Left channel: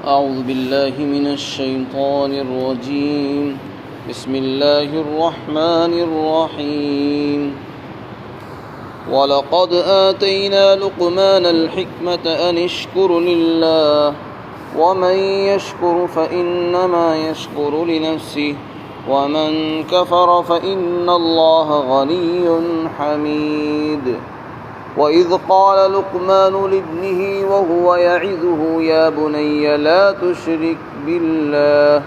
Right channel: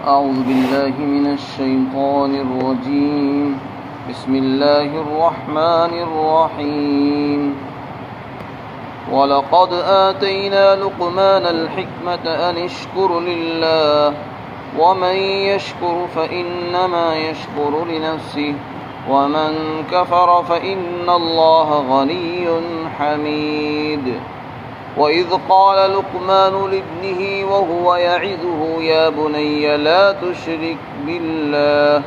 أعوذ بالله من الشيطان الرجيم. بسم الله الرحمن الرحيم. وَلَقَدْ آتَيْنَا لُقْمَانَ الْحِكْمَةَ أَنِ اشْكُرْ لِلَّهِ وَمَنْ يَشْكُرْ فَإِنَّمَا يَشْكُرُ لِنَفْسِهِ وَمَنْ كَفَرَ فَإِنَّ اللَّهَ غَنِيٌّ حَمِيدٌ. وَإِذْ قَالَ لُقْمَانُ لِابْنِهِ وَهُوَ يَعِظُهُ يَا بُنَيَّ لَا تُشْرِكْ بِاللَّهِ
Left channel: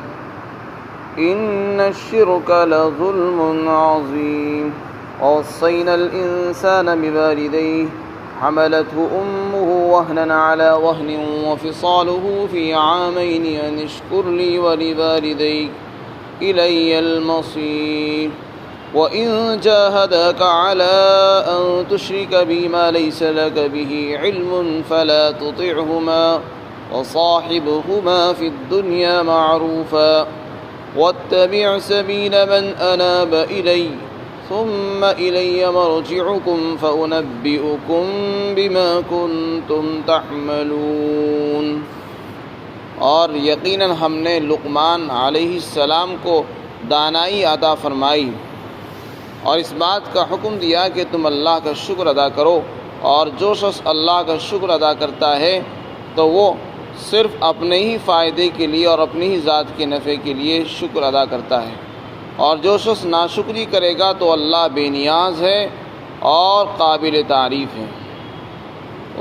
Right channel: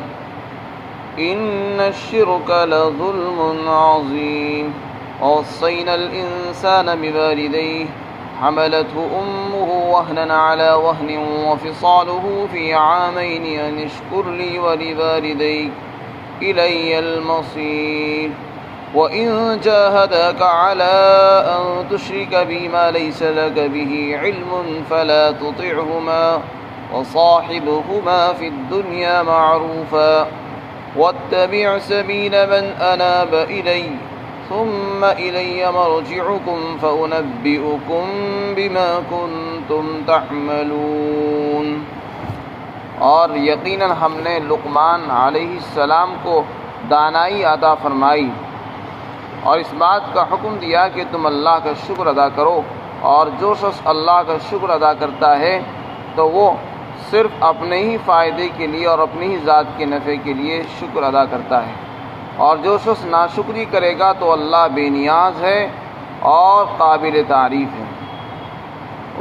إِنَّ الشِّرْكَ لَظُلْمٌ عَظِيمٌ. وَوَصَّيْنَا الْإِنسَانَ بِوَالِدَيْهِ حَمَلَتْهُ أُمُّهُ وَهْنًا عَلَى وَهْنٍ وَفِصَالُهُ فِي عَامَيْنِ أَنِ اشْكُرْ لِي وَلِوَالِدَيْكَ إِلَيَّ الْمَصِيرُ. وَإِن جَاهَدَاكَ عَلَىٰ أَن تُشْرِكَ بِي مَا لَيْسَ لَكَ بِهِ عِلْمٌ فَلَا تُطِعْهُمَا وَصَاحِبْهُمَا فِي الدُّنْيَا مَعْرُوفًا وَاتَّبِعْ سَبِيلَ مَنْ أَنَابَ إِلَيَّ ثُمَّ إِلَيَّ مَرْجِعُكُمْ فَأُنَبِّئُكُم بِمَا كُنتُمْ تَعْمَلُونَ. اور یقیناً ہم نے لقمان علیہ السلام کو دانائی عطا فرمائی اور اس بات کا حکم دیا کہ تم اللہ کا شکر ادا کرو، اور جو شخص اللہ کا شکر ادا کرتا ہے تو وہ صرف اپنے ہی فائدے کے لیے اور اپنی ہی ذات کے نفع کے لیے شکر ادا کرتا ہے، اور جو شخص ناشکری کرے گا تو اللہ بے نیاز ہے اور قابل تعریف ہے.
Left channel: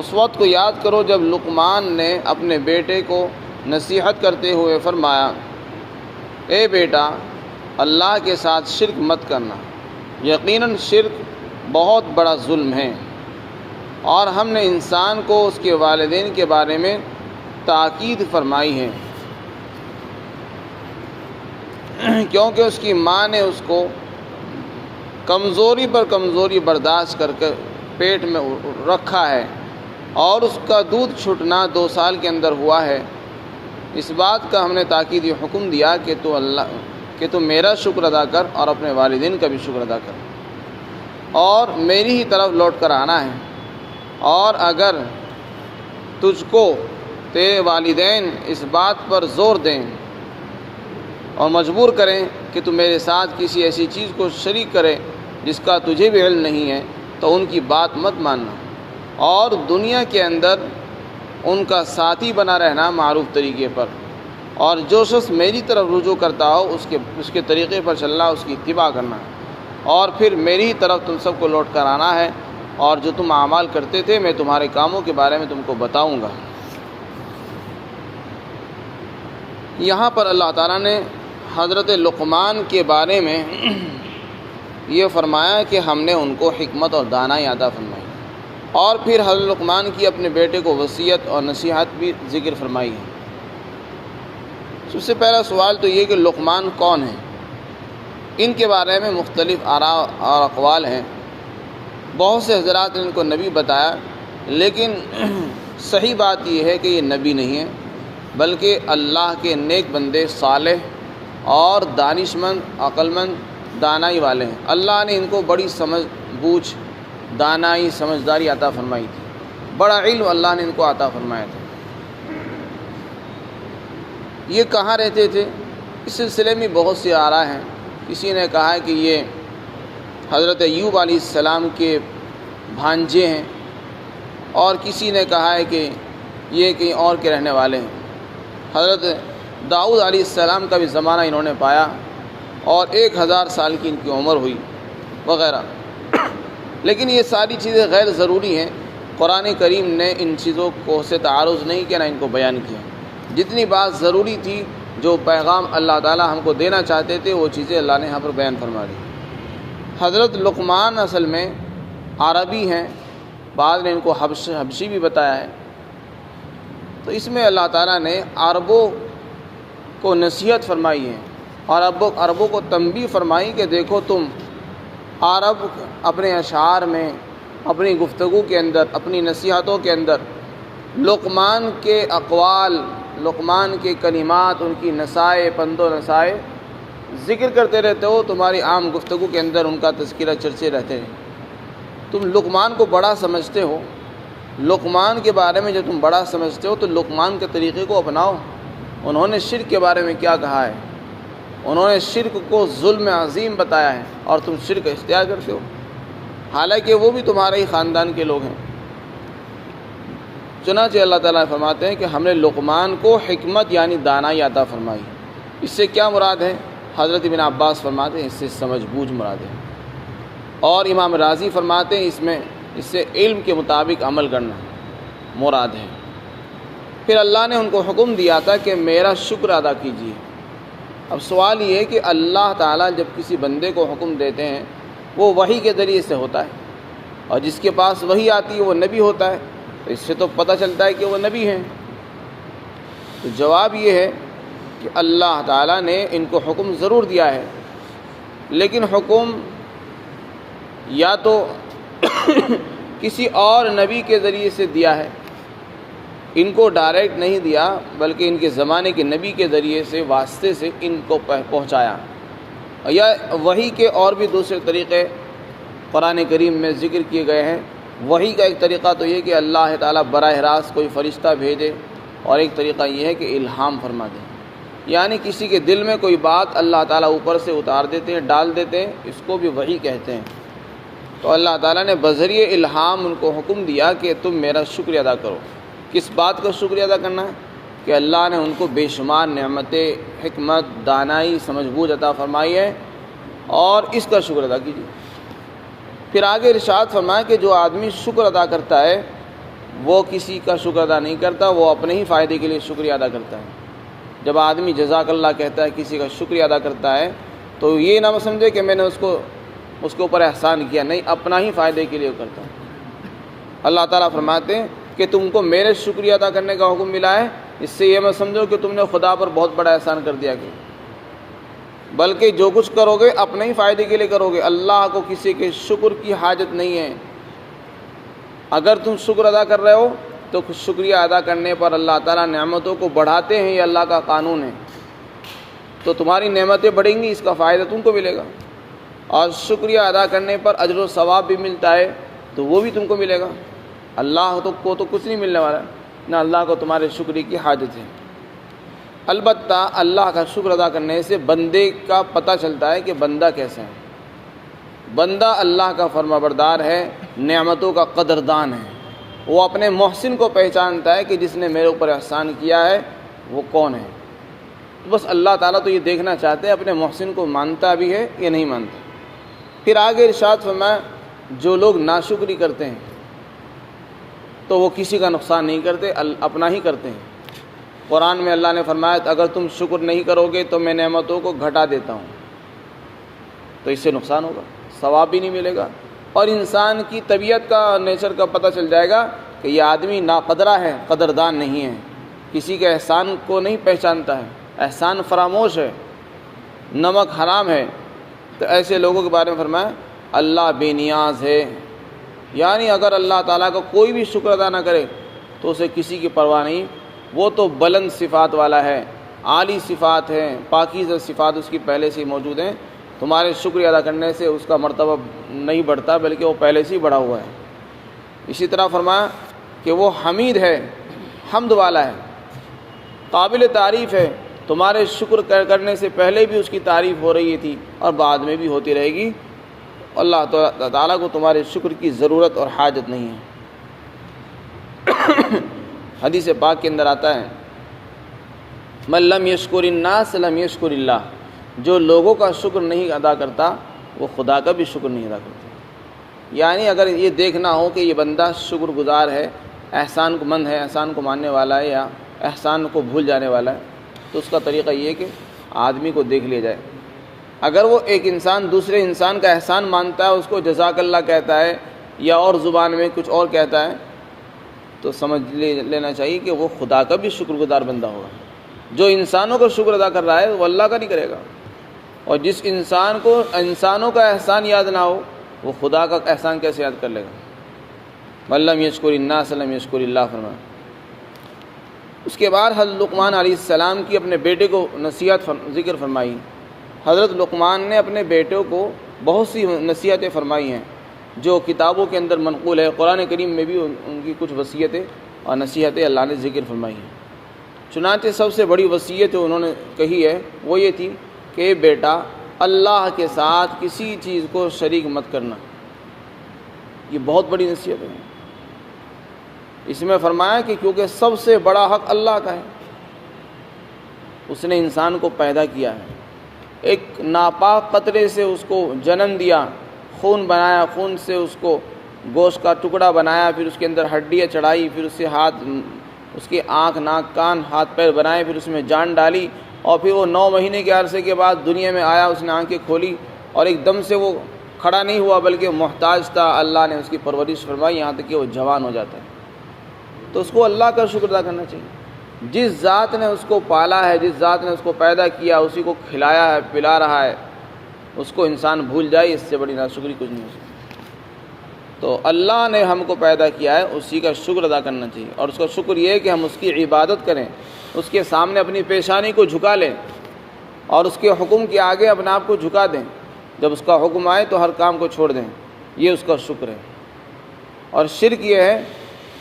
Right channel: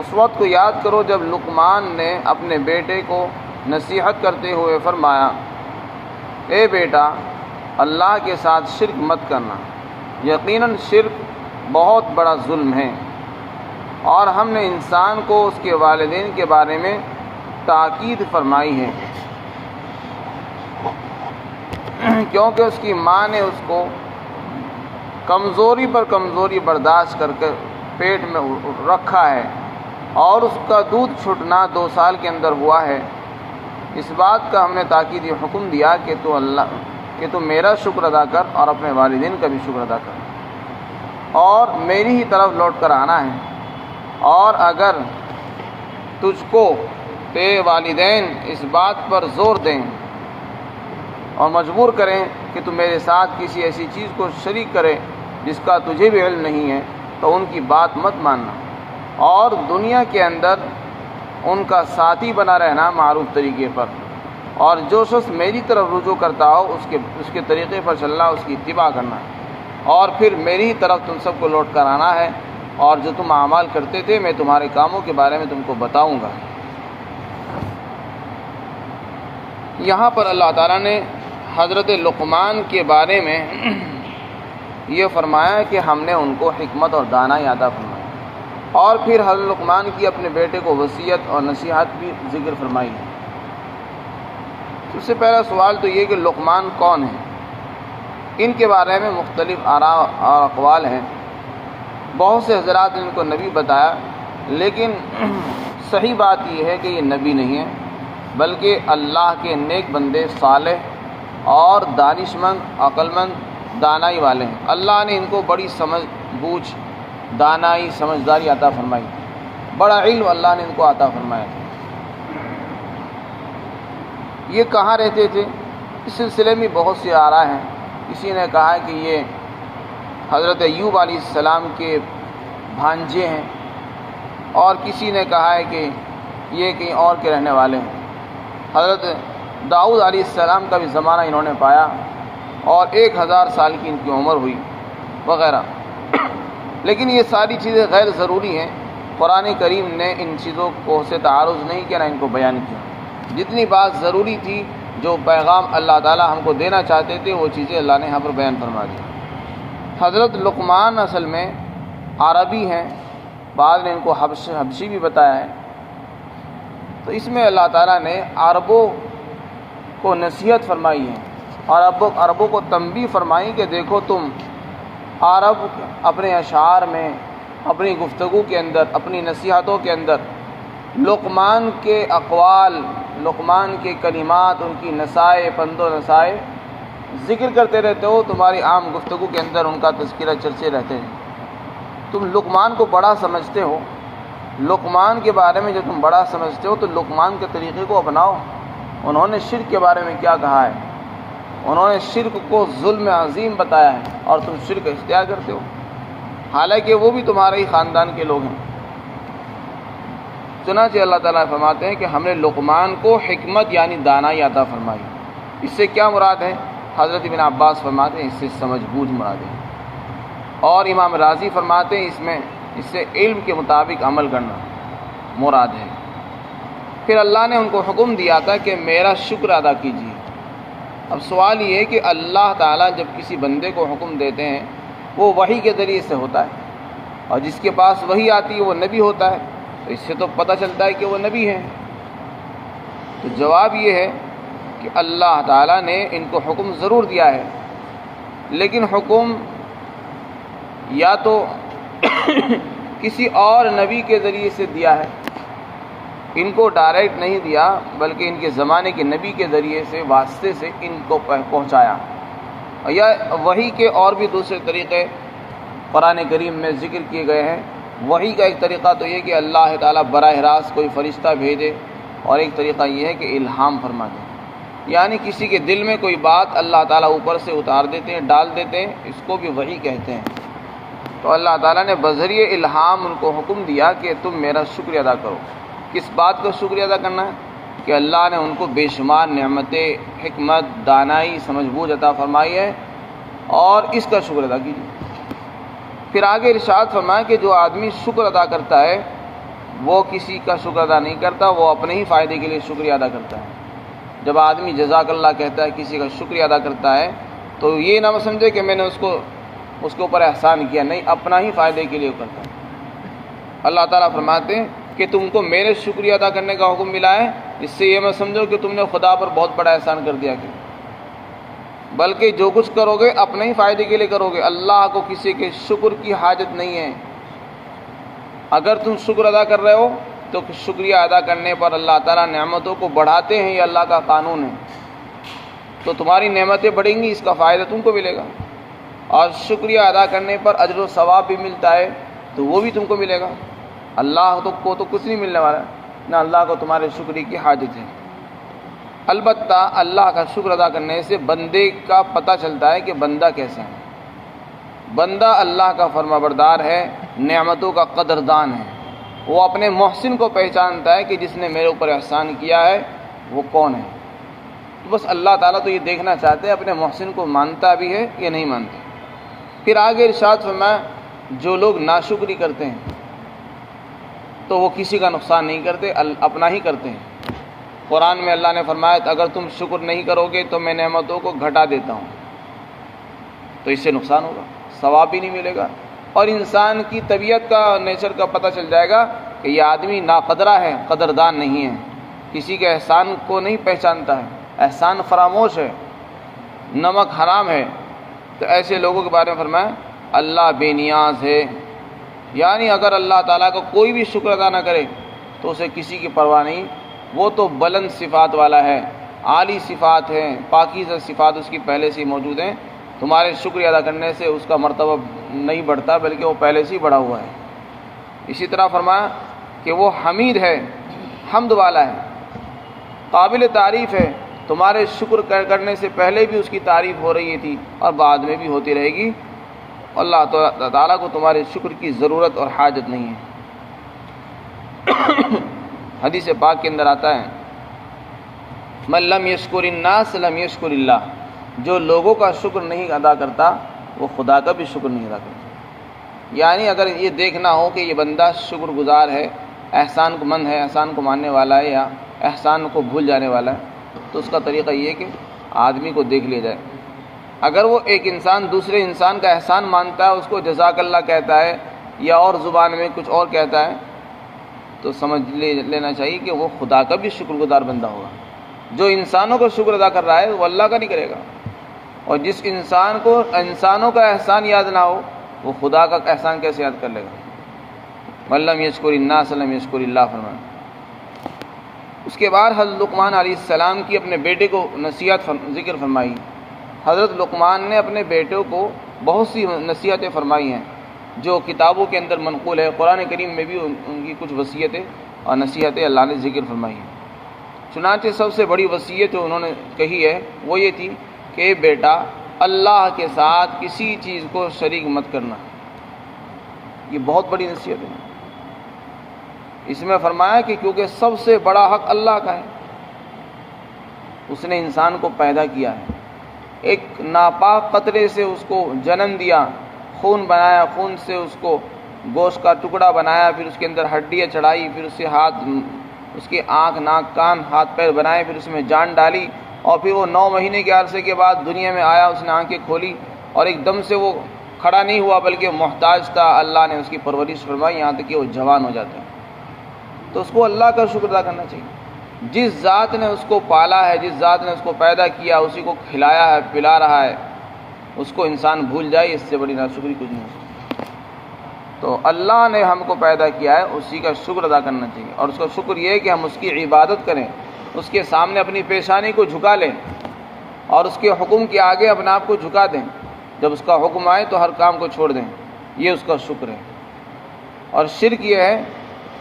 اس وقت کو یاد کرو جب لقمان نے اپنے بیٹے کو نصیحت کرتے ہوئے فرمایا، اے بیٹا، اللہ کے ساتھ شرک مت کرنا، یقیناً شرک بہت بڑا ظلم ہے. اور ہم نے انسان کو اس کے والدین کے بارے میں تاکید فرمائی ہے، کیونکہ اس کی ماں نے اس کو کمزوری پر کمزوری برداشت کر کے پیٹ میں رکھا ہے، اور اس کا دودھ چھوٹنا 2 سال کے اندر ہوا ہے. اس بات کا ہم نے تاکیدی حکم دیا کہ تو میرا شکر ادا کر اور اپنے والدین کا بھی شکر ادا کر، اور میری ہی طرف لوٹ کر آنا ہے. اور اگر تجھ کو تیرے والدین اس بات پر زور دیں اور مجبور کریں کہ تو میرے ساتھ کسی ایسی چیز کو شریک کرے جس کا تجھے بھی علم نہیں ہے تو ان کی بات مت ماننا، اور دنیا کے اندر ان کا ساتھی بنا رہنا معروف طریقے پر، اور جو شخص میری طرف رجوع کرتا ہو اس کے طریقے پر چلنا، اس کی اتباع کرنا، اور پھر میری ہی طرف تم سب کو لوٹ کر آنا ہے، اور جو تم اعمال کرتے تھے میں تمہارے کاموں کے بارے میں تم کو بتاؤں گا. یہاں پر اللہ تعالیٰ نے حضرت لقمان کے بارے میں یہ فرمایا کہ ہم نے ان کو حکمت اور دانائی عطا فرمائی، اور پھر حضرت لقمان کی اپنے بیٹے کو وصیت اور نصیحت بھی ذکر فرمائی ہے. سب سے پہلا سوال تو یہ کہ لقمان کون ہیں؟ ان کے بارے میں مختلف آراء اور اقوال ہیں. بہت سے حضرات نے ان کو نبی بتایا، لیکن صحیح بات یہ ہے کہ یہ نبی نہیں ہے، بلکہ اللہ کے نیک بندے، صالح اور دانش مند، عقل مند، دانائی والے ہیں. اللہ نے ان کو بڑی سمجھ بوجھ، دانائی، سمجھداری عطا فرمائی تھی، بڑا علم اللہ نے ان کو عطا فرمایا تھا. یہ کہاں رہتے تھے؟ اس سلسلے میں بہت سی آراء ہیں. کسی نے کہا ہے کہ یہ حضرت ایوب علیہ السلام کے بھانجے ہیں، اور کسی نے کہا ہے کہ یہ کہیں اور کے رہنے والے ہیں. حضرت داؤد علیہ السلام کا بھی زمانہ انہوں نے پایا، اور 1000 سال کی ان کی عمر ہوئی وغیرہ. لیکن یہ ساری چیزیں غیر ضروری ہیں. قرآن کریم نے ان چیزوں کو سے تعارض نہیں کیا، نہ ان کو بیان کیا. جتنی بات ضروری تھی، جو پیغام اللہ تعالیٰ ہم کو دینا چاہتے تھے، وہ چیزیں اللہ نے یہاں پر بیان فرما دی. حضرت لقمان اصل میں عربی ہیں، بعد نے ان کو حبشی بھی بتایا ہے. تو اس میں اللہ تعالیٰ نے عربوں کو نصیحت فرمائی ہے، اور عربوں کو تنبیہ فرمائی کہ دیکھو تم عرب اپنے اشعار میں، اپنی گفتگو کے اندر، اپنی نصیحتوں کے اندر لقمان کے اقوال، لقمان کے کلمات، ان کی نصائح، پند و نصائح ذکر کرتے رہتے ہو. تمہاری عام گفتگو کے اندر ان کا تذکرہ چرچے رہتے ہیں. تم لقمان کو بڑا سمجھتے ہو، لقمان کے بارے میں جو تم بڑا سمجھتے ہو تو لقمان کے طریقے کو اپناؤ. انہوں نے شرک کے بارے میں کیا کہا ہے؟ انہوں نے شرک کو ظلم عظیم بتایا ہے، اور تم شرک اختیار کرتے ہو، حالانکہ وہ بھی تمہارے ہی خاندان کے لوگ ہیں۔ چنانچہ اللہ تعالیٰ فرماتے ہیں کہ ہم نے لقمان کو حکمت یعنی دانائی عطا فرمائی۔ اس سے کیا مراد ہے؟ حضرت ابن عباس فرماتے ہیں اس سے سمجھ بوجھ مراد ہے، اور امام راضی فرماتے ہیں اس سے علم کے مطابق عمل کرنا مراد ہے۔ پھر اللہ نے ان کو حکم دیا تھا کہ میرا شکر ادا کیجیے۔ اب سوال یہ ہے کہ اللہ تعالیٰ جب کسی بندے کو حکم دیتے ہیں وہ وحی کے ذریعے سے ہوتا ہے، اور جس کے پاس وحی آتی ہے وہ نبی ہوتا ہے، تو اس سے تو پتہ چلتا ہے کہ وہ نبی ہیں۔ تو جواب یہ ہے کہ اللہ تعالیٰ نے ان کو حکم ضرور دیا ہے، لیکن حکم یا تو کسی اور نبی کے ذریعے سے دیا ہے، ان کو ڈائریکٹ نہیں دیا، بلکہ ان کے زمانے کے نبی کے ذریعے سے واسطے سے ان کو پہنچایا، یا وحی کے اور بھی دوسرے طریقے قرآن کریم میں ذکر کیے گئے ہیں۔ وحی کا ایک طریقہ تو یہ کہ اللہ تعالیٰ براہ راست کوئی فرشتہ بھیجے، اور ایک طریقہ یہ ہے کہ الہام فرما دے، یعنی کسی کے دل میں کوئی بات اللہ تعالیٰ اوپر سے اتار دیتے ہیں، ڈال دیتے ہیں، اس کو بھی وحی کہتے ہیں۔ تو اللہ تعالیٰ نے بذریعہ الہام ان کو حکم دیا کہ تم میرا شکر ادا کرو۔ کس بات کا شکر ادا کرنا ہے؟ کہ اللہ نے ان کو بے شمار نعمتیں، حکمت، دانائی، سمجھ بوجھ عطا فرمائی ہے، اور اس کا شکر ادا کیجیے۔ پھر آگے ارشاد فرمایا کہ جو آدمی شکر ادا کرتا ہے وہ کسی کا شکر ادا نہیں کرتا، وہ اپنے ہی فائدے کے لیے شکریہ ادا کرتا ہے۔ جب آدمی جزاک اللہ کہتا ہے، کسی کا شکریہ ادا کرتا ہے، تو یہ نہ سمجھے کہ میں نے اس کے اوپر احسان کیا، نہیں، اپنا ہی فائدے کے لیے کرتا ہے۔ اللہ تعالیٰ فرماتے ہیں کہ تم کو میرے شکریہ ادا کرنے کا حکم ملا ہے، اس سے یہ مت سمجھو کہ تم نے خدا پر بہت بڑا احسان کر دیا، کہ بلکہ جو کچھ کرو گے اپنے ہی فائدے کے لیے کرو گے۔ اللہ کو کسی کے شکر کی حاجت نہیں ہے۔ اگر تم شکر ادا کر رہے ہو تو شکریہ ادا کرنے پر اللہ تعالیٰ نعمتوں کو بڑھاتے ہیں، یہ اللہ کا قانون ہے۔ تو تمہاری نعمتیں بڑھیں گی، اس کا فائدہ تم کو ملے گا، اور شکریہ ادا کرنے پر اجر و ثواب بھی ملتا ہے، تو وہ بھی تم کو ملے گا۔ اللہ کو تو کچھ نہیں ملنے والا ہے، نہ اللہ کو تمہارے شکریہ کی حاجت ہے۔ البتہ اللہ کا شکر ادا کرنے سے بندے کا پتہ چلتا ہے کہ بندہ کیسا ہے۔ بندہ اللہ کا فرما بردار ہے، نعمتوں کا قدردان ہے، وہ اپنے محسن کو پہچانتا ہے کہ جس نے میرے اوپر احسان کیا ہے وہ کون ہے۔ بس اللہ تعالیٰ تو یہ دیکھنا چاہتے ہیں اپنے محسن کو مانتا بھی ہے یا نہیں مانتا۔ پھر آگے ارشاد فرمایا جو لوگ ناشکری کرتے ہیں تو وہ کسی کا نقصان نہیں کرتے، اپنا ہی کرتے ہیں۔ قرآن میں اللہ نے فرمایا اگر تم شکر نہیں کرو گے تو میں نعمتوں کو گھٹا دیتا ہوں، تو اس سے نقصان ہوگا، ثواب بھی نہیں ملے گا، اور انسان کی طبیعت کا، نیچر کا پتہ چل جائے گا کہ یہ آدمی ناقدرہ ہے، قدردان نہیں ہے، کسی کے احسان کو نہیں پہچانتا ہے، احسان فراموش ہے، نمک حرام ہے۔ تو ایسے لوگوں کے بارے میں فرمایا اللہ بے نیاز ہے، یعنی اگر اللہ تعالیٰ کا کوئی بھی شکر ادا نہ کرے تو اسے کسی کی پرواہ نہیں، وہ تو بلند صفات والا ہے، عالی صفات ہیں، پاکیزہ صفات اس کی پہلے سے ہی موجود ہیں، تمہارے شکریہ ادا کرنے سے اس کا مرتبہ نہیں بڑھتا بلکہ وہ پہلے سے ہی بڑھا ہوا ہے۔ اسی طرح فرمایا کہ وہ حمید ہے، حمد والا ہے، قابل تعریف ہے، تمہارے شکر کرنے سے پہلے بھی اس کی تعریف ہو رہی تھی اور بعد میں بھی ہوتی رہے گی۔ اللہ تعالیٰ کو تمہارے شکر کی ضرورت اور حاجت نہیں ہے۔ حدیث پاک کے اندر آتا ہے من لم یشکر الناس لم یشکر اللہ، جو لوگوں کا شکر نہیں ادا کرتا وہ خدا کا بھی شکر نہیں ادا کرتا۔ یعنی اگر یہ دیکھنا ہو کہ یہ بندہ شکر گزار ہے، احسان کو مند ہے، احسان کو ماننے والا ہے یا احسان کو بھول جانے والا ہے، تو اس کا طریقہ یہ ہے کہ آدمی کو دیکھ لیا جائے۔ اگر وہ ایک انسان دوسرے انسان کا احسان مانتا ہے، اس کو جزاک اللہ کہتا ہے یا اور زبان میں کچھ اور کہتا ہے، تو سمجھ لینا چاہیے کہ وہ خدا کا بھی شکر گزار بندہ ہوگا۔ جو انسانوں کو شکر ادا کر رہا ہے وہ اللہ کا نہیں کرے گا، اور جس انسان کو انسانوں کا احسان یاد نہ ہو وہ خدا کا احسان کیسے یاد کر لے گا؟ من لم یشکر الناس لم یشکر اللہ فرمایا۔ اس کے بعد حضرت لقمان علیہ السلام کی اپنے بیٹے کو نصیحت ذکر فرمائی۔ حضرت لقمان نے اپنے بیٹوں کو بہت سی نصیحتیں فرمائی ہیں جو کتابوں کے اندر منقول ہے، قرآن کریم میں بھی ان کی کچھ وصیتیں اور نصیحتیں اللہ نے ذکر فرمائی ہیں۔ چنانچہ سب سے بڑی وصیت جو انہوں نے کہی ہے وہ یہ تھی کہ بیٹا اللہ کے ساتھ کسی چیز کو شریک مت کرنا. یہ بہت بڑی نصیحت ہے. اس میں فرمایا کہ کیونکہ سب سے بڑا حق اللہ کا ہے. اس نے انسان کو پیدا کیا ہے, ایک ناپاک قطرے سے اس کو جنم دیا, خون بنایا, خون سے اس کو گوشت کا ٹکڑا بنایا, پھر اس کے اندر ہڈیاں چڑھائی, پھر اس سے اس کی آنکھ, ناک, کان, ہاتھ پیر بنائے, پھر اس میں جان ڈالی, اور پھر وہ 9 مہینے کے عرصے کے بعد دنیا میں آیا. اس نے آنکھیں کھولی اور ایک دم سے وہ کھڑا نہیں ہوا بلکہ محتاج تھا. اللہ نے اس کی پرورش فرمائی یہاں تک کہ وہ جوان ہو جاتا ہے. تو اس کو اللہ کا شکر ادا کرنا چاہیے. جس ذات نے اس کو پالا ہے, جس ذات نے اس کو پیدا کیا, اسی کو کھلایا ہے, پلا رہا ہے, اس کو انسان بھول جائے, اس سے بڑی ناشکری کچھ نہیں ہو سکتی. تو اللہ نے ہم کو پیدا کیا ہے, اسی کا شکر ادا کرنا چاہیے. اور اس کا شکر یہ ہے کہ ہم اس کی عبادت کریں, اس کے سامنے اپنی پیشانی کو جھکا لیں اور اس کے حکم کے آگے اپنے آپ کو جھکا دیں. جب اس کا حکم آئے تو ہر کام کو چھوڑ دیں. یہ اس کا شکر ہے. اور شرک یہ ہے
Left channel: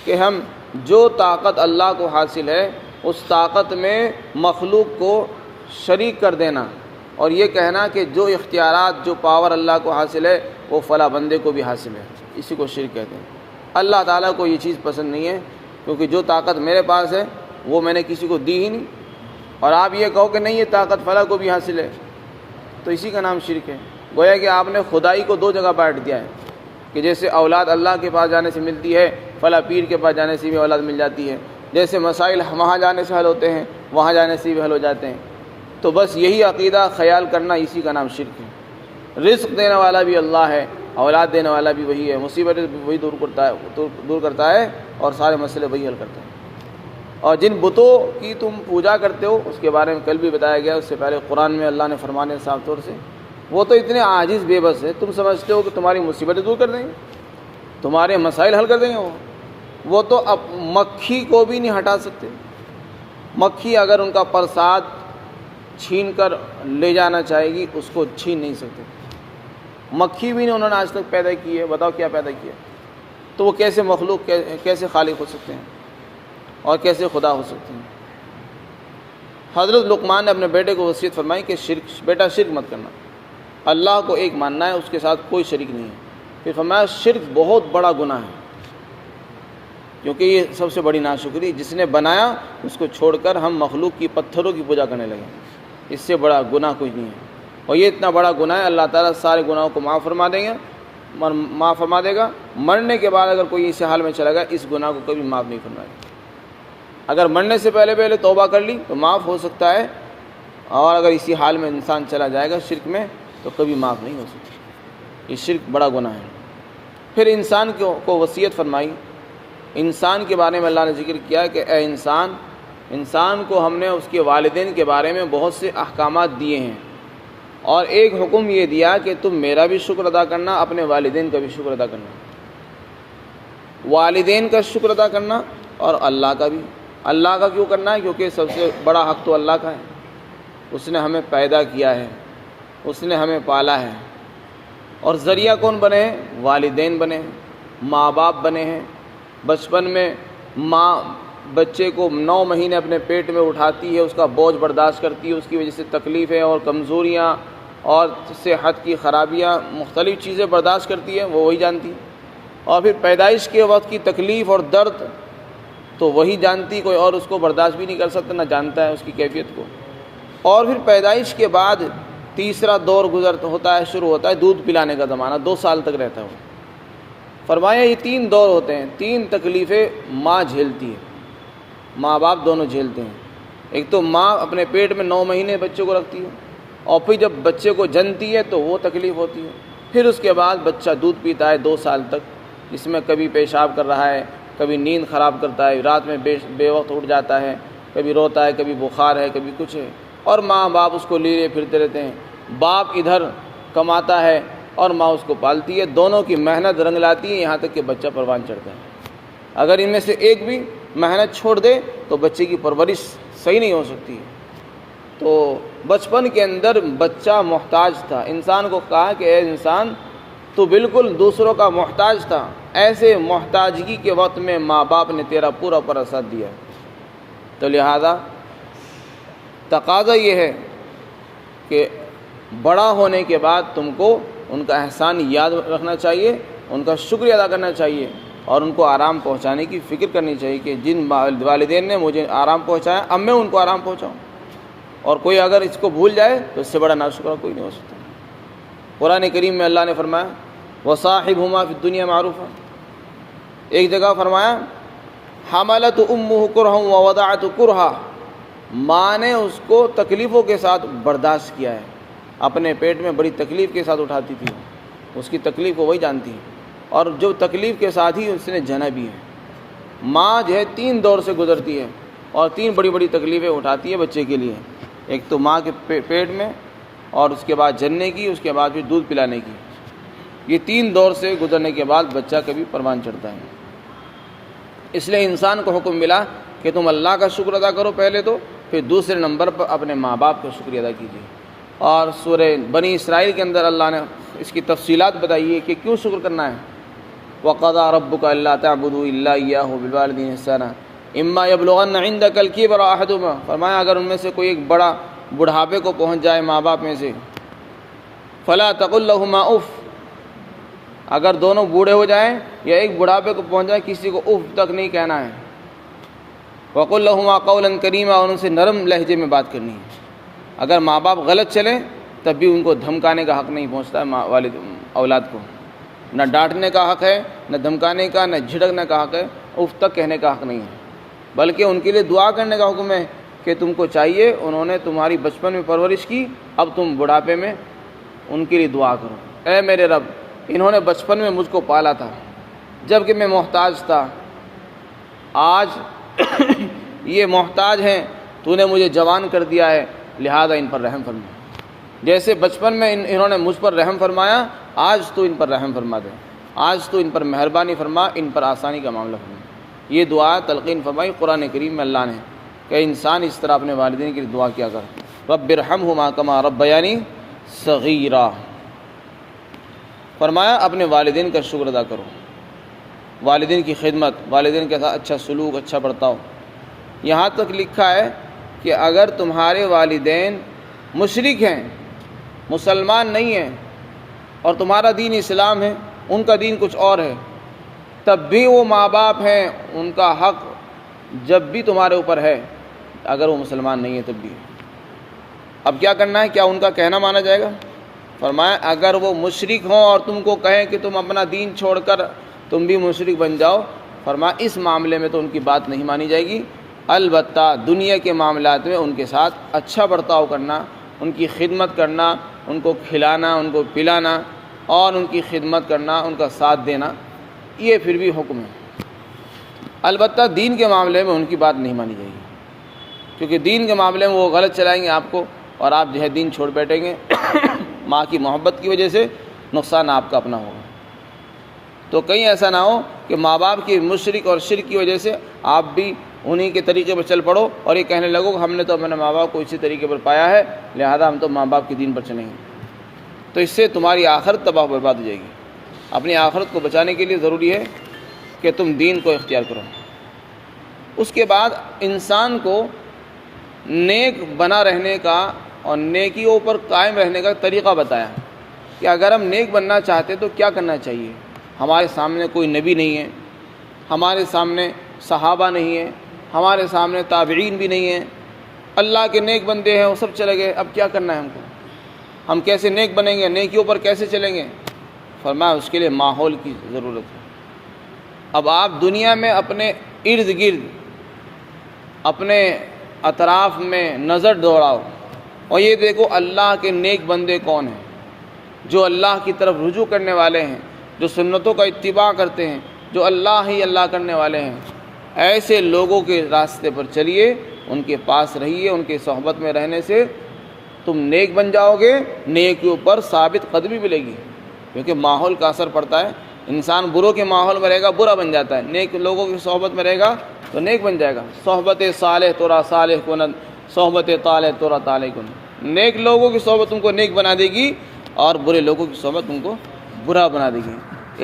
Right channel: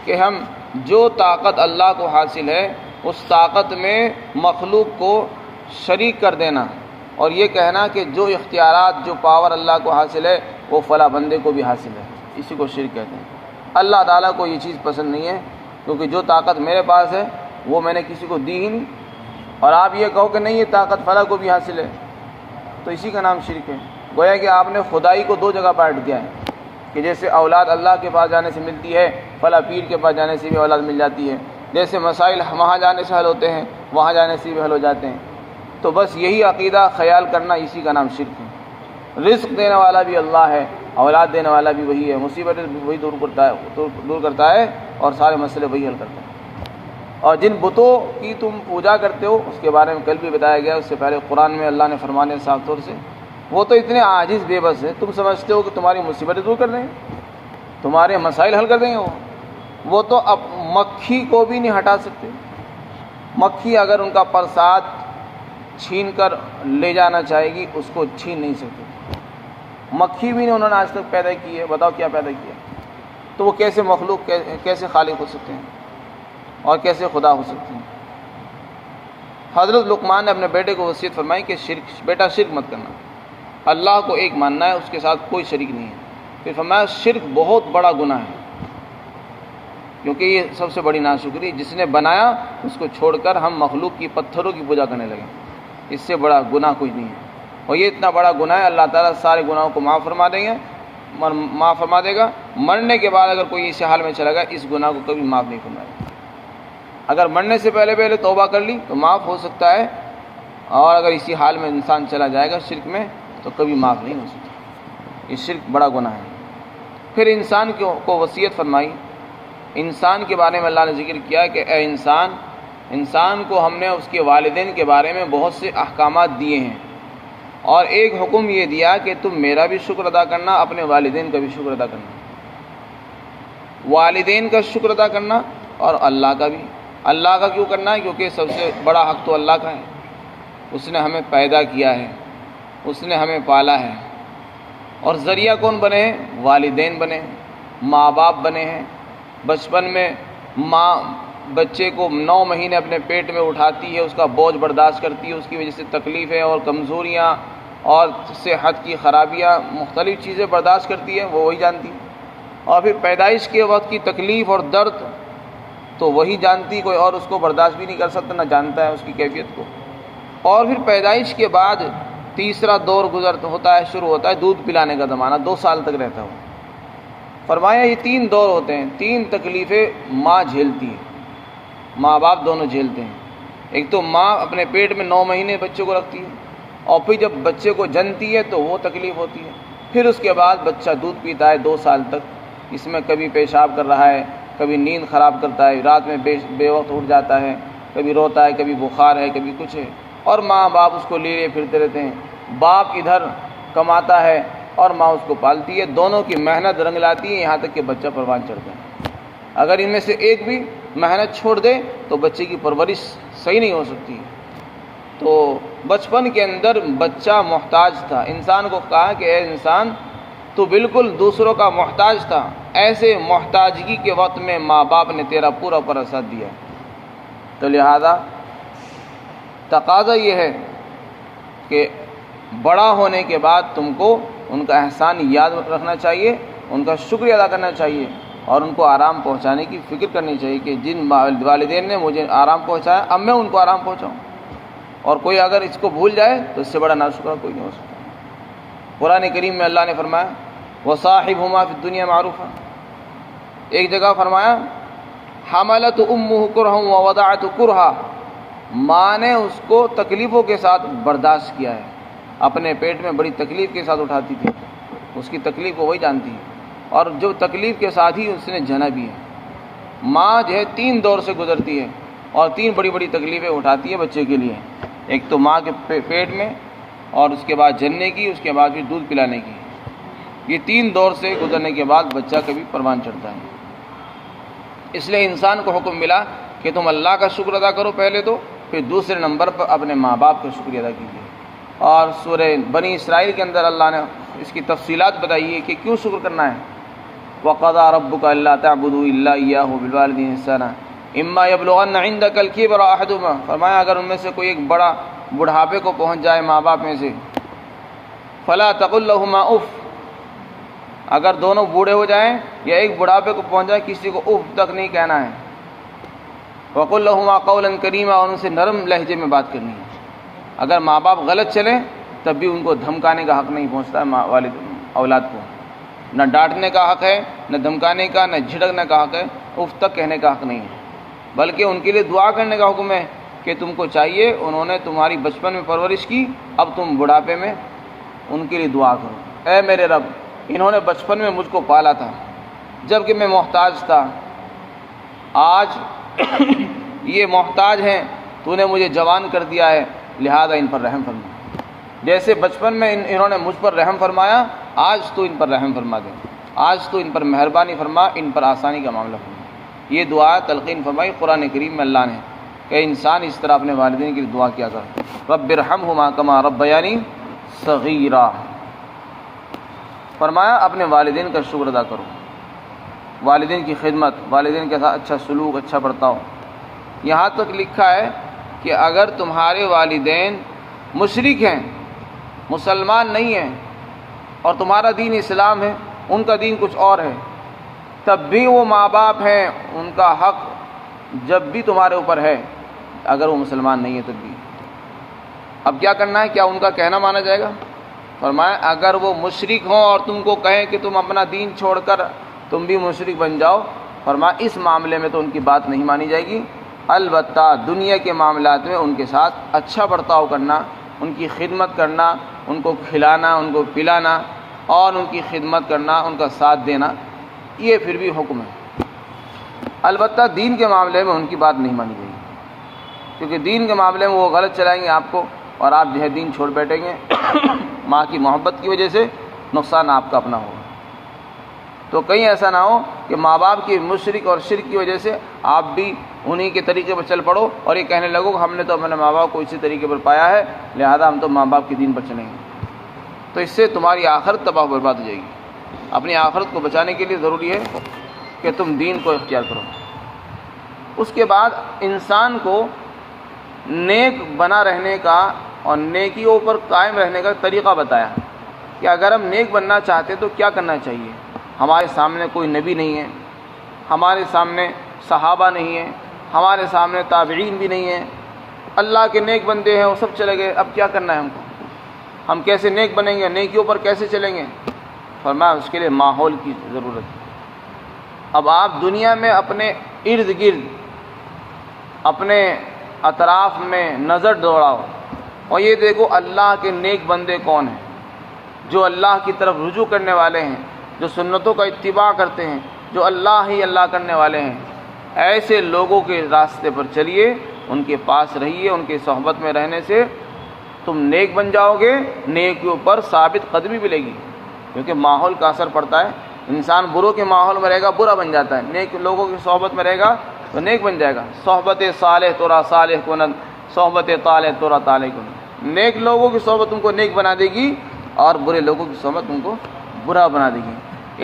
کہ ہم جو طاقت اللہ کو حاصل ہے اس طاقت میں مخلوق کو شریک کر دینا, اور یہ کہنا کہ جو اختیارات, جو پاور اللہ کو حاصل ہے وہ فلاں بندے کو بھی حاصل ہے. اسی کو شرک کہتے ہیں. اللہ تعالیٰ کو یہ چیز پسند نہیں ہے, کیونکہ جو طاقت میرے پاس ہے وہ میں نے کسی کو دی ہی نہیں, اور آپ یہ کہو کہ نہیں یہ طاقت فلاں کو بھی حاصل ہے, تو اسی کا نام شرک ہے. گویا کہ آپ نے خدائی کو 2 جگہ بانٹ دیا ہے کہ جیسے اولاد اللہ کے پاس جانے سے ملتی ہے, فلاں پیر کے پاس جانے سے بھی اولاد مل جاتی ہے. جیسے مسائل وہاں جانے سے حل ہوتے ہیں, وہاں جانے سے بھی حل ہو جاتے ہیں. تو بس یہی عقیدہ خیال کرنا, اسی کا نام شرک ہے. رزق دینے والا بھی اللہ ہے, اولاد دینے والا بھی وہی ہے, مصیبتیں وہی دور کرتا ہے اور سارے مسئلے وہی حل کرتا ہے. اور جن بتوں کی تم پوجا کرتے ہو اس کے بارے میں کل بھی بتایا گیا, اس سے پہلے قرآن میں اللہ نے فرمانے صاف طور سے, وہ تو اتنے عاجز بے بس ہے, تم سمجھتے ہو کہ تمہاری مصیبتیں دور کر دیں گے, تمہارے مسائل حل کر دیں گے. وہ تو اب مکھی کو بھی نہیں ہٹا سکتے. مکھی اگر ان کا پرساد چھین کر لے جانا چاہے گی اس کو چھین نہیں سکتے. مکھی بھی نہیں انہوں نے آج تک پیدا کی ہے, بتاؤ کیا پیدا کیا. تو وہ کیسے مخلوق, کیسے خالق ہو سکتے ہیں اور کیسے خدا ہو سکتے ہیں. حضرت لقمان نے اپنے بیٹے کو وصیت فرمائی کہ بیٹا شرک مت کرنا, اللہ کو ایک ماننا ہے, اس کے ساتھ کوئی شریک نہیں ہے. پھر فرمایا شرک بہت بڑا گناہ ہے, کیونکہ یہ سب سے بڑی ناشکری, جس نے بنایا اس کو چھوڑ کر ہم مخلوق کی, پتھروں کی پوجا کرنے لگے. اس سے بڑا گناہ کوئی نہیں ہے. اور یہ اتنا بڑا گناہ ہے, اللہ تعالیٰ سارے گناہوں کو معاف فرما دے گا. مرنے کے بعد اگر کوئی اس حال میں چلا گیا, اس گناہ کو کبھی معاف نہیں فرمائے گا. اگر مرنے سے پہلے توبہ کر لی تو معاف ہو سکتا ہے, اور اگر اسی حال میں انسان چلا جائے گا شرک میں تو کبھی معاف نہیں ہو سکتا. یہ شرک بڑا گناہ ہے. پھر انسان کو وصیت فرمائی. انسان کے بارے میں اللہ نے ذکر کیا کہ اے انسان کو ہم نے اس کے والدین کے بارے میں بہت سے احکامات دیے ہیں, اور ایک حکم یہ دیا کہ تم میرا بھی شکر ادا کرنا, اپنے والدین کا بھی شکر ادا کرنا. والدین کا شکر ادا کرنا اور اللہ کا بھی. اللہ کا کیوں کرنا ہے؟ کیونکہ سب سے بڑا حق تو اللہ کا ہے. اس نے ہمیں پیدا کیا ہے, اس نے ہمیں پالا ہے, اور ذریعہ کون بنے ہیں؟ والدین بنے ہیں, ماں باپ بنے ہیں. بچپن میں ماں بچے کو 9 مہینے اپنے پیٹ میں اٹھاتی ہے, اس کا بوجھ برداشت کرتی ہے, اس کی وجہ سے تکلیفیں اور کمزوریاں اور صحت کی خرابیاں, مختلف چیزیں برداشت کرتی ہے, وہ وہی جانتی ہے. اور پھر پیدائش کے وقت کی تکلیف اور درد تو وہی جانتی, کوئی اور اس کو برداشت بھی نہیں کر سکتا, نہ جانتا ہے اس کی کیفیت کو. اور پھر پیدائش کے بعد تیسرا دور شروع ہوتا ہے دودھ پلانے کا زمانہ, 2 سال تک رہتا ہے. فرمایا یہ 3 دور ہوتے ہیں, 3 تکلیفیں ماں جھیلتی ہے, ماں باپ دونوں جھیلتے ہیں. ایک تو ماں اپنے پیٹ میں 9 مہینے بچے کو رکھتی ہے, اور پھر جب بچے کو جنتی ہے تو وہ تکلیف ہوتی ہے. پھر اس کے بعد بچہ دودھ پیتا ہے 2 سال تک, اس میں کبھی پیشاب کر رہا ہے, کبھی نیند خراب کرتا ہے, رات میں بے وقت اٹھ جاتا ہے, کبھی روتا ہے, کبھی بخار ہے, کبھی کچھ ہے, اور ماں باپ اس کو لیے پھرتے رہتے ہیں. باپ ادھر کماتا ہے اور ماں اس کو پالتی ہے, دونوں کی محنت رنگ لاتی ہے یہاں تک کہ بچہ پروان چڑھتا ہے. اگر ان میں سے ایک بھی محنت چھوڑ دے تو بچے کی پرورش صحیح نہیں ہو سکتی. تو بچپن کے اندر بچہ محتاج تھا. انسان کو کہا کہ اے انسان تو بالکل دوسروں کا محتاج تھا, ایسے محتاجگی کے وقت میں ماں باپ نے تیرا پورا ساتھ دیا. تو لہذا تقاضا یہ ہے کہ بڑا ہونے کے بعد تم کو ان کا احسان یاد رکھنا چاہیے، ان کا شکریہ ادا کرنا چاہیے، اور ان کو آرام پہنچانے کی فکر کرنی چاہیے کہ جن والدین نے مجھے آرام پہنچایا اب میں ان کو آرام پہنچاؤں۔ اور کوئی اگر اس کو بھول جائے تو اس سے بڑا ناشکرہ کوئی نہیں ہو سکتا۔ قرآن کریم میں اللہ نے فرمایا وصاحبہما فی الدنیا معروفا، ایک جگہ فرمایا حملت امہ کرہا ووضعت کرہا، ماں نے اس کو تکلیفوں کے ساتھ برداشت کیا ہے، اپنے پیٹ میں بڑی تکلیف کے ساتھ اٹھاتی تھی، اس کی تکلیف کو وہی جانتی ہے، اور جو تکلیف کے ساتھ ہی اس نے جنا بھی ہے۔ ماں جو ہے 3 دور سے گزرتی ہے اور 3 بڑی بڑی تکلیفیں اٹھاتی ہے بچے کے لیے، ایک تو ماں کے پیٹ میں، اور اس کے بعد جننے کی، اس کے بعد پھر دودھ پلانے کی۔ یہ 3 دور سے گزرنے کے بعد بچہ کبھی پروان چڑھتا ہے۔ اس لیے انسان کو حکم ملا کہ تم اللہ کا شکر ادا کرو پہلے تو، پھر دوسرے نمبر پر اپنے ماں باپ کا شکریہ ادا کیجیے۔ اور سورہ بنی اسرائیل کے اندر اللہ نے اس کی تفصیلات بتائی ہے کہ کیوں شکر کرنا ہے۔ وَقَضَىٰ رَبُّكَ أَلَّا تَعْبُدُوا إِلَّا إِيَّاهُ وَبِالْوَالِدَيْنِ إِحْسَانًا إِمَّا يَبْلُغَنَّ عِندَكَ الْكِبَرَ أَحَدُهُمَا، فرمایا اگر ان میں سے کوئی ایک بڑا بڑھاپے کو پہنچ جائے ماں باپ میں سے، فَلَا تَقُل لَّهُمَا اُف، اگر دونوں بوڑھے ہو جائیں یا ایک بڑھاپے کو پہنچ جائے کسی کو اف تک نہیں کہنا ہے۔ وَقُل لَّهُمَا قَوْلًا كَرِيمًا، اور ان سے نرم لہجے میں بات کرنی ہے۔ اگر ماں باپ غلط چلیں تب بھی ان کو دھمکانے کا حق نہیں پہنچتا ہے والد اولاد کو، نہ ڈانٹنے کا حق ہے، نہ دھمکانے کا، نہ جھڑکنے کا حق ہے، اف تک کہنے کا حق نہیں ہے، بلکہ ان کے لیے دعا کرنے کا حکم ہے کہ تم کو چاہیے انہوں نے تمہاری بچپن میں پرورش کی، اب تم بڑھاپے میں ان کے لیے دعا کرو، اے میرے رب انہوں نے بچپن میں مجھ کو پالا تھا جب کہ میں محتاج تھا، آج یہ محتاج ہیں، تو نے مجھے جوان کر دیا ہے، لہذا ان پر رحم فرما، جیسے بچپن میں انہوں نے مجھ پر رحم فرمایا، آج تو ان پر رحم فرما دے، آج تو ان پر مہربانی فرما، ان پر آسانی کا معاملہ فرما۔ یہ دعا تلقین فرمائی قرآن کریم میں اللہ نے کہ انسان اس طرح اپنے والدین کے لیے دعا کیا کر، رب ارحمہما کما ربیانی صغیرا، فرمایا اپنے والدین کا شکر ادا کرو، والدین کی خدمت، والدین کے ساتھ اچھا سلوک، اچھا برتاؤ۔ یہاں تک لکھا ہے کہ اگر تمہارے والدین مشرک ہیں، مسلمان نہیں ہیں، اور تمہارا دین اسلام ہے، ان کا دین کچھ اور ہے، تب بھی وہ ماں باپ ہیں، ان کا حق جب بھی تمہارے اوپر ہے، اگر وہ مسلمان نہیں ہے تب بھی۔ اب کیا کرنا ہے؟ کیا ان کا کہنا مانا جائے گا؟ فرمایا اگر وہ مشرک ہوں اور تم کو کہیں کہ تم اپنا دین چھوڑ کر تم بھی مشرک بن جاؤ، فرمایا اس معاملے میں تو ان کی بات نہیں مانی جائے گی، البتہ دنیا کے معاملات میں ان کے ساتھ اچھا برتاؤ کرنا، ان کی خدمت کرنا، ان کو کھلانا، ان کو پلانا، اور ان کی خدمت کرنا، ان کا ساتھ دینا، یہ پھر بھی حکم ہے۔ البتہ دین کے معاملے میں ان کی بات نہیں مانی جائے گی، کیونکہ دین کے معاملے میں وہ غلط چلائیں گے آپ کو، اور آپ جو ہے دین چھوڑ بیٹھیں گے، ماں کی محبت کی وجہ سے نقصان آپ کا اپنا ہوگا۔ تو کہیں ایسا نہ ہو کہ ماں باپ کی مشرک اور شرک کی وجہ سے آپ بھی انہی کے طریقے پر چل پڑو اور یہ کہنے لگو کہ ہم نے تو اپنے ماں باپ کو اسی طریقے پر پایا ہے، لہذا ہم تو ماں باپ کے دین پر چلیں گے، تو اس سے تمہاری آخرت تباہ برباد ہو جائے گی۔ اپنی آخرت کو بچانے کے لیے ضروری ہے کہ تم دین کو اختیار کرو۔ اس کے بعد انسان کو نیک بنا رہنے کا اور نیکیوں پر قائم رہنے کا طریقہ بتایا کہ اگر ہم نیک بننا چاہتے تو کیا کرنا چاہیے۔ ہمارے سامنے کوئی نبی نہیں ہے، ہمارے سامنے صحابہ نہیں ہیں، ہمارے سامنے تابعین بھی نہیں ہیں، اللہ کے نیک بندے ہیں وہ سب چلے گئے، اب کیا کرنا ہے ہم کو، ہم کیسے نیک بنیں گے، نیکیوں پر کیسے چلیں گے؟ فرمایا اس کے لیے ماحول کی ضرورت ہے۔ اب آپ دنیا میں اپنے ارد گرد، اپنے اطراف میں نظر دوڑاؤ اور یہ دیکھو اللہ کے نیک بندے کون ہیں، جو اللہ کی طرف رجوع کرنے والے ہیں، جو سنتوں کا اتباع کرتے ہیں، جو اللہ ہی اللہ کرنے والے ہیں، ایسے لوگوں کے راستے پر چلیے، ان کے پاس رہیے، ان کے صحبت میں رہنے سے تم نیک بن جاؤ گے، نیکیوں پر ثابت قدمی ملے گی، کیونکہ ماحول کا اثر پڑتا ہے۔ انسان بروں کے ماحول میں رہے گا برا بن جاتا ہے، نیک لوگوں کی صحبت میں رہے گا تو نیک بن جائے گا۔ صحبت صالح تورا صالح کنند، صحبت طالح تورا طالح کنند۔ نیک لوگوں کی صحبت تم کو نیک بنا دے گی اور برے لوگوں کی صحبت تم کو برا بنا دے گی۔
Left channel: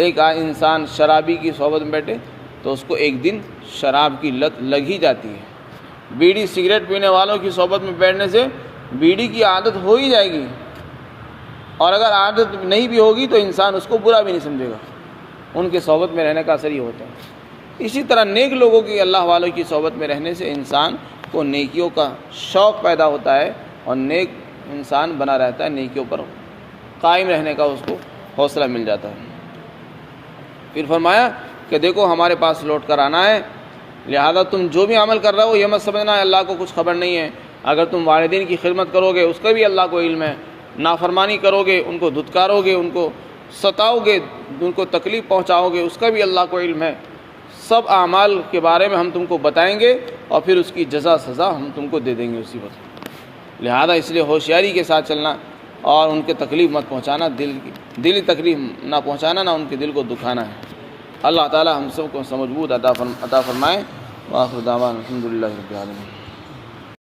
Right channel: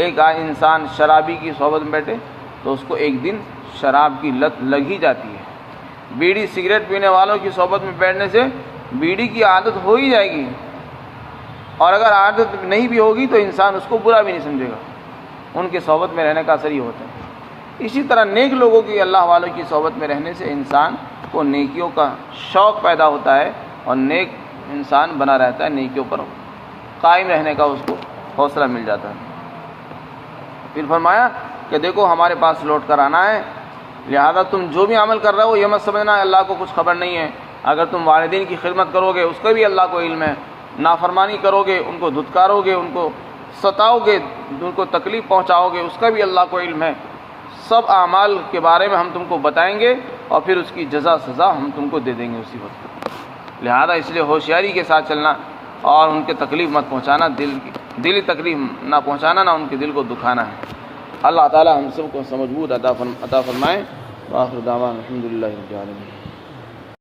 ایک انسان شرابی کی صحبت میں بیٹھے تو اس کو ایک دن شراب کی لت لگ ہی جاتی ہے، بیڑی سگریٹ پینے والوں کی صحبت میں بیٹھنے سے بیڑی کی عادت ہو ہی جائے گی، اور اگر عادت نہیں بھی ہوگی تو انسان اس کو برا بھی نہیں سمجھے گا۔ ان کے صحبت میں رہنے کا اثر یہ ہوتا ہے۔ اسی طرح نیک لوگوں کی، اللہ والوں کی صحبت میں رہنے سے انسان کو نیکیوں کا شوق پیدا ہوتا ہے اور نیک انسان بنا رہتا ہے، نیکیوں پر قائم رہنے کا اس کو حوصلہ مل جاتا ہے۔ پھر فرمایا کہ دیکھو ہمارے پاس لوٹ کر آنا ہے، لہذا تم جو بھی عمل کر رہے ہو یہ مت سمجھنا ہے اللہ کو کچھ خبر نہیں ہے۔ اگر تم والدین کی خدمت کرو گے اس کا بھی اللہ کو علم ہے، نافرمانی کرو گے، ان کو دھتکارو گے، ان کو ستاؤ گے، ان کو تکلیف پہنچاؤ گے، اس کا بھی اللہ کو علم ہے۔ سب اعمال کے بارے میں ہم تم کو بتائیں گے اور پھر اس کی جزا سزا ہم تم کو دے دیں گے اسی وقت۔ لہذا اس لیے ہوشیاری کے ساتھ چلنا اور ان کے تکلیف مت پہنچانا، دلی تکلیف نہ پہنچانا، نہ ان کے دل کو دکھانا ہے۔ اللہ تعالی ہم سب کو سمجھ بوجھ عطا فرمائے۔ وآخر دعوانا الحمدللہ رب العالمین۔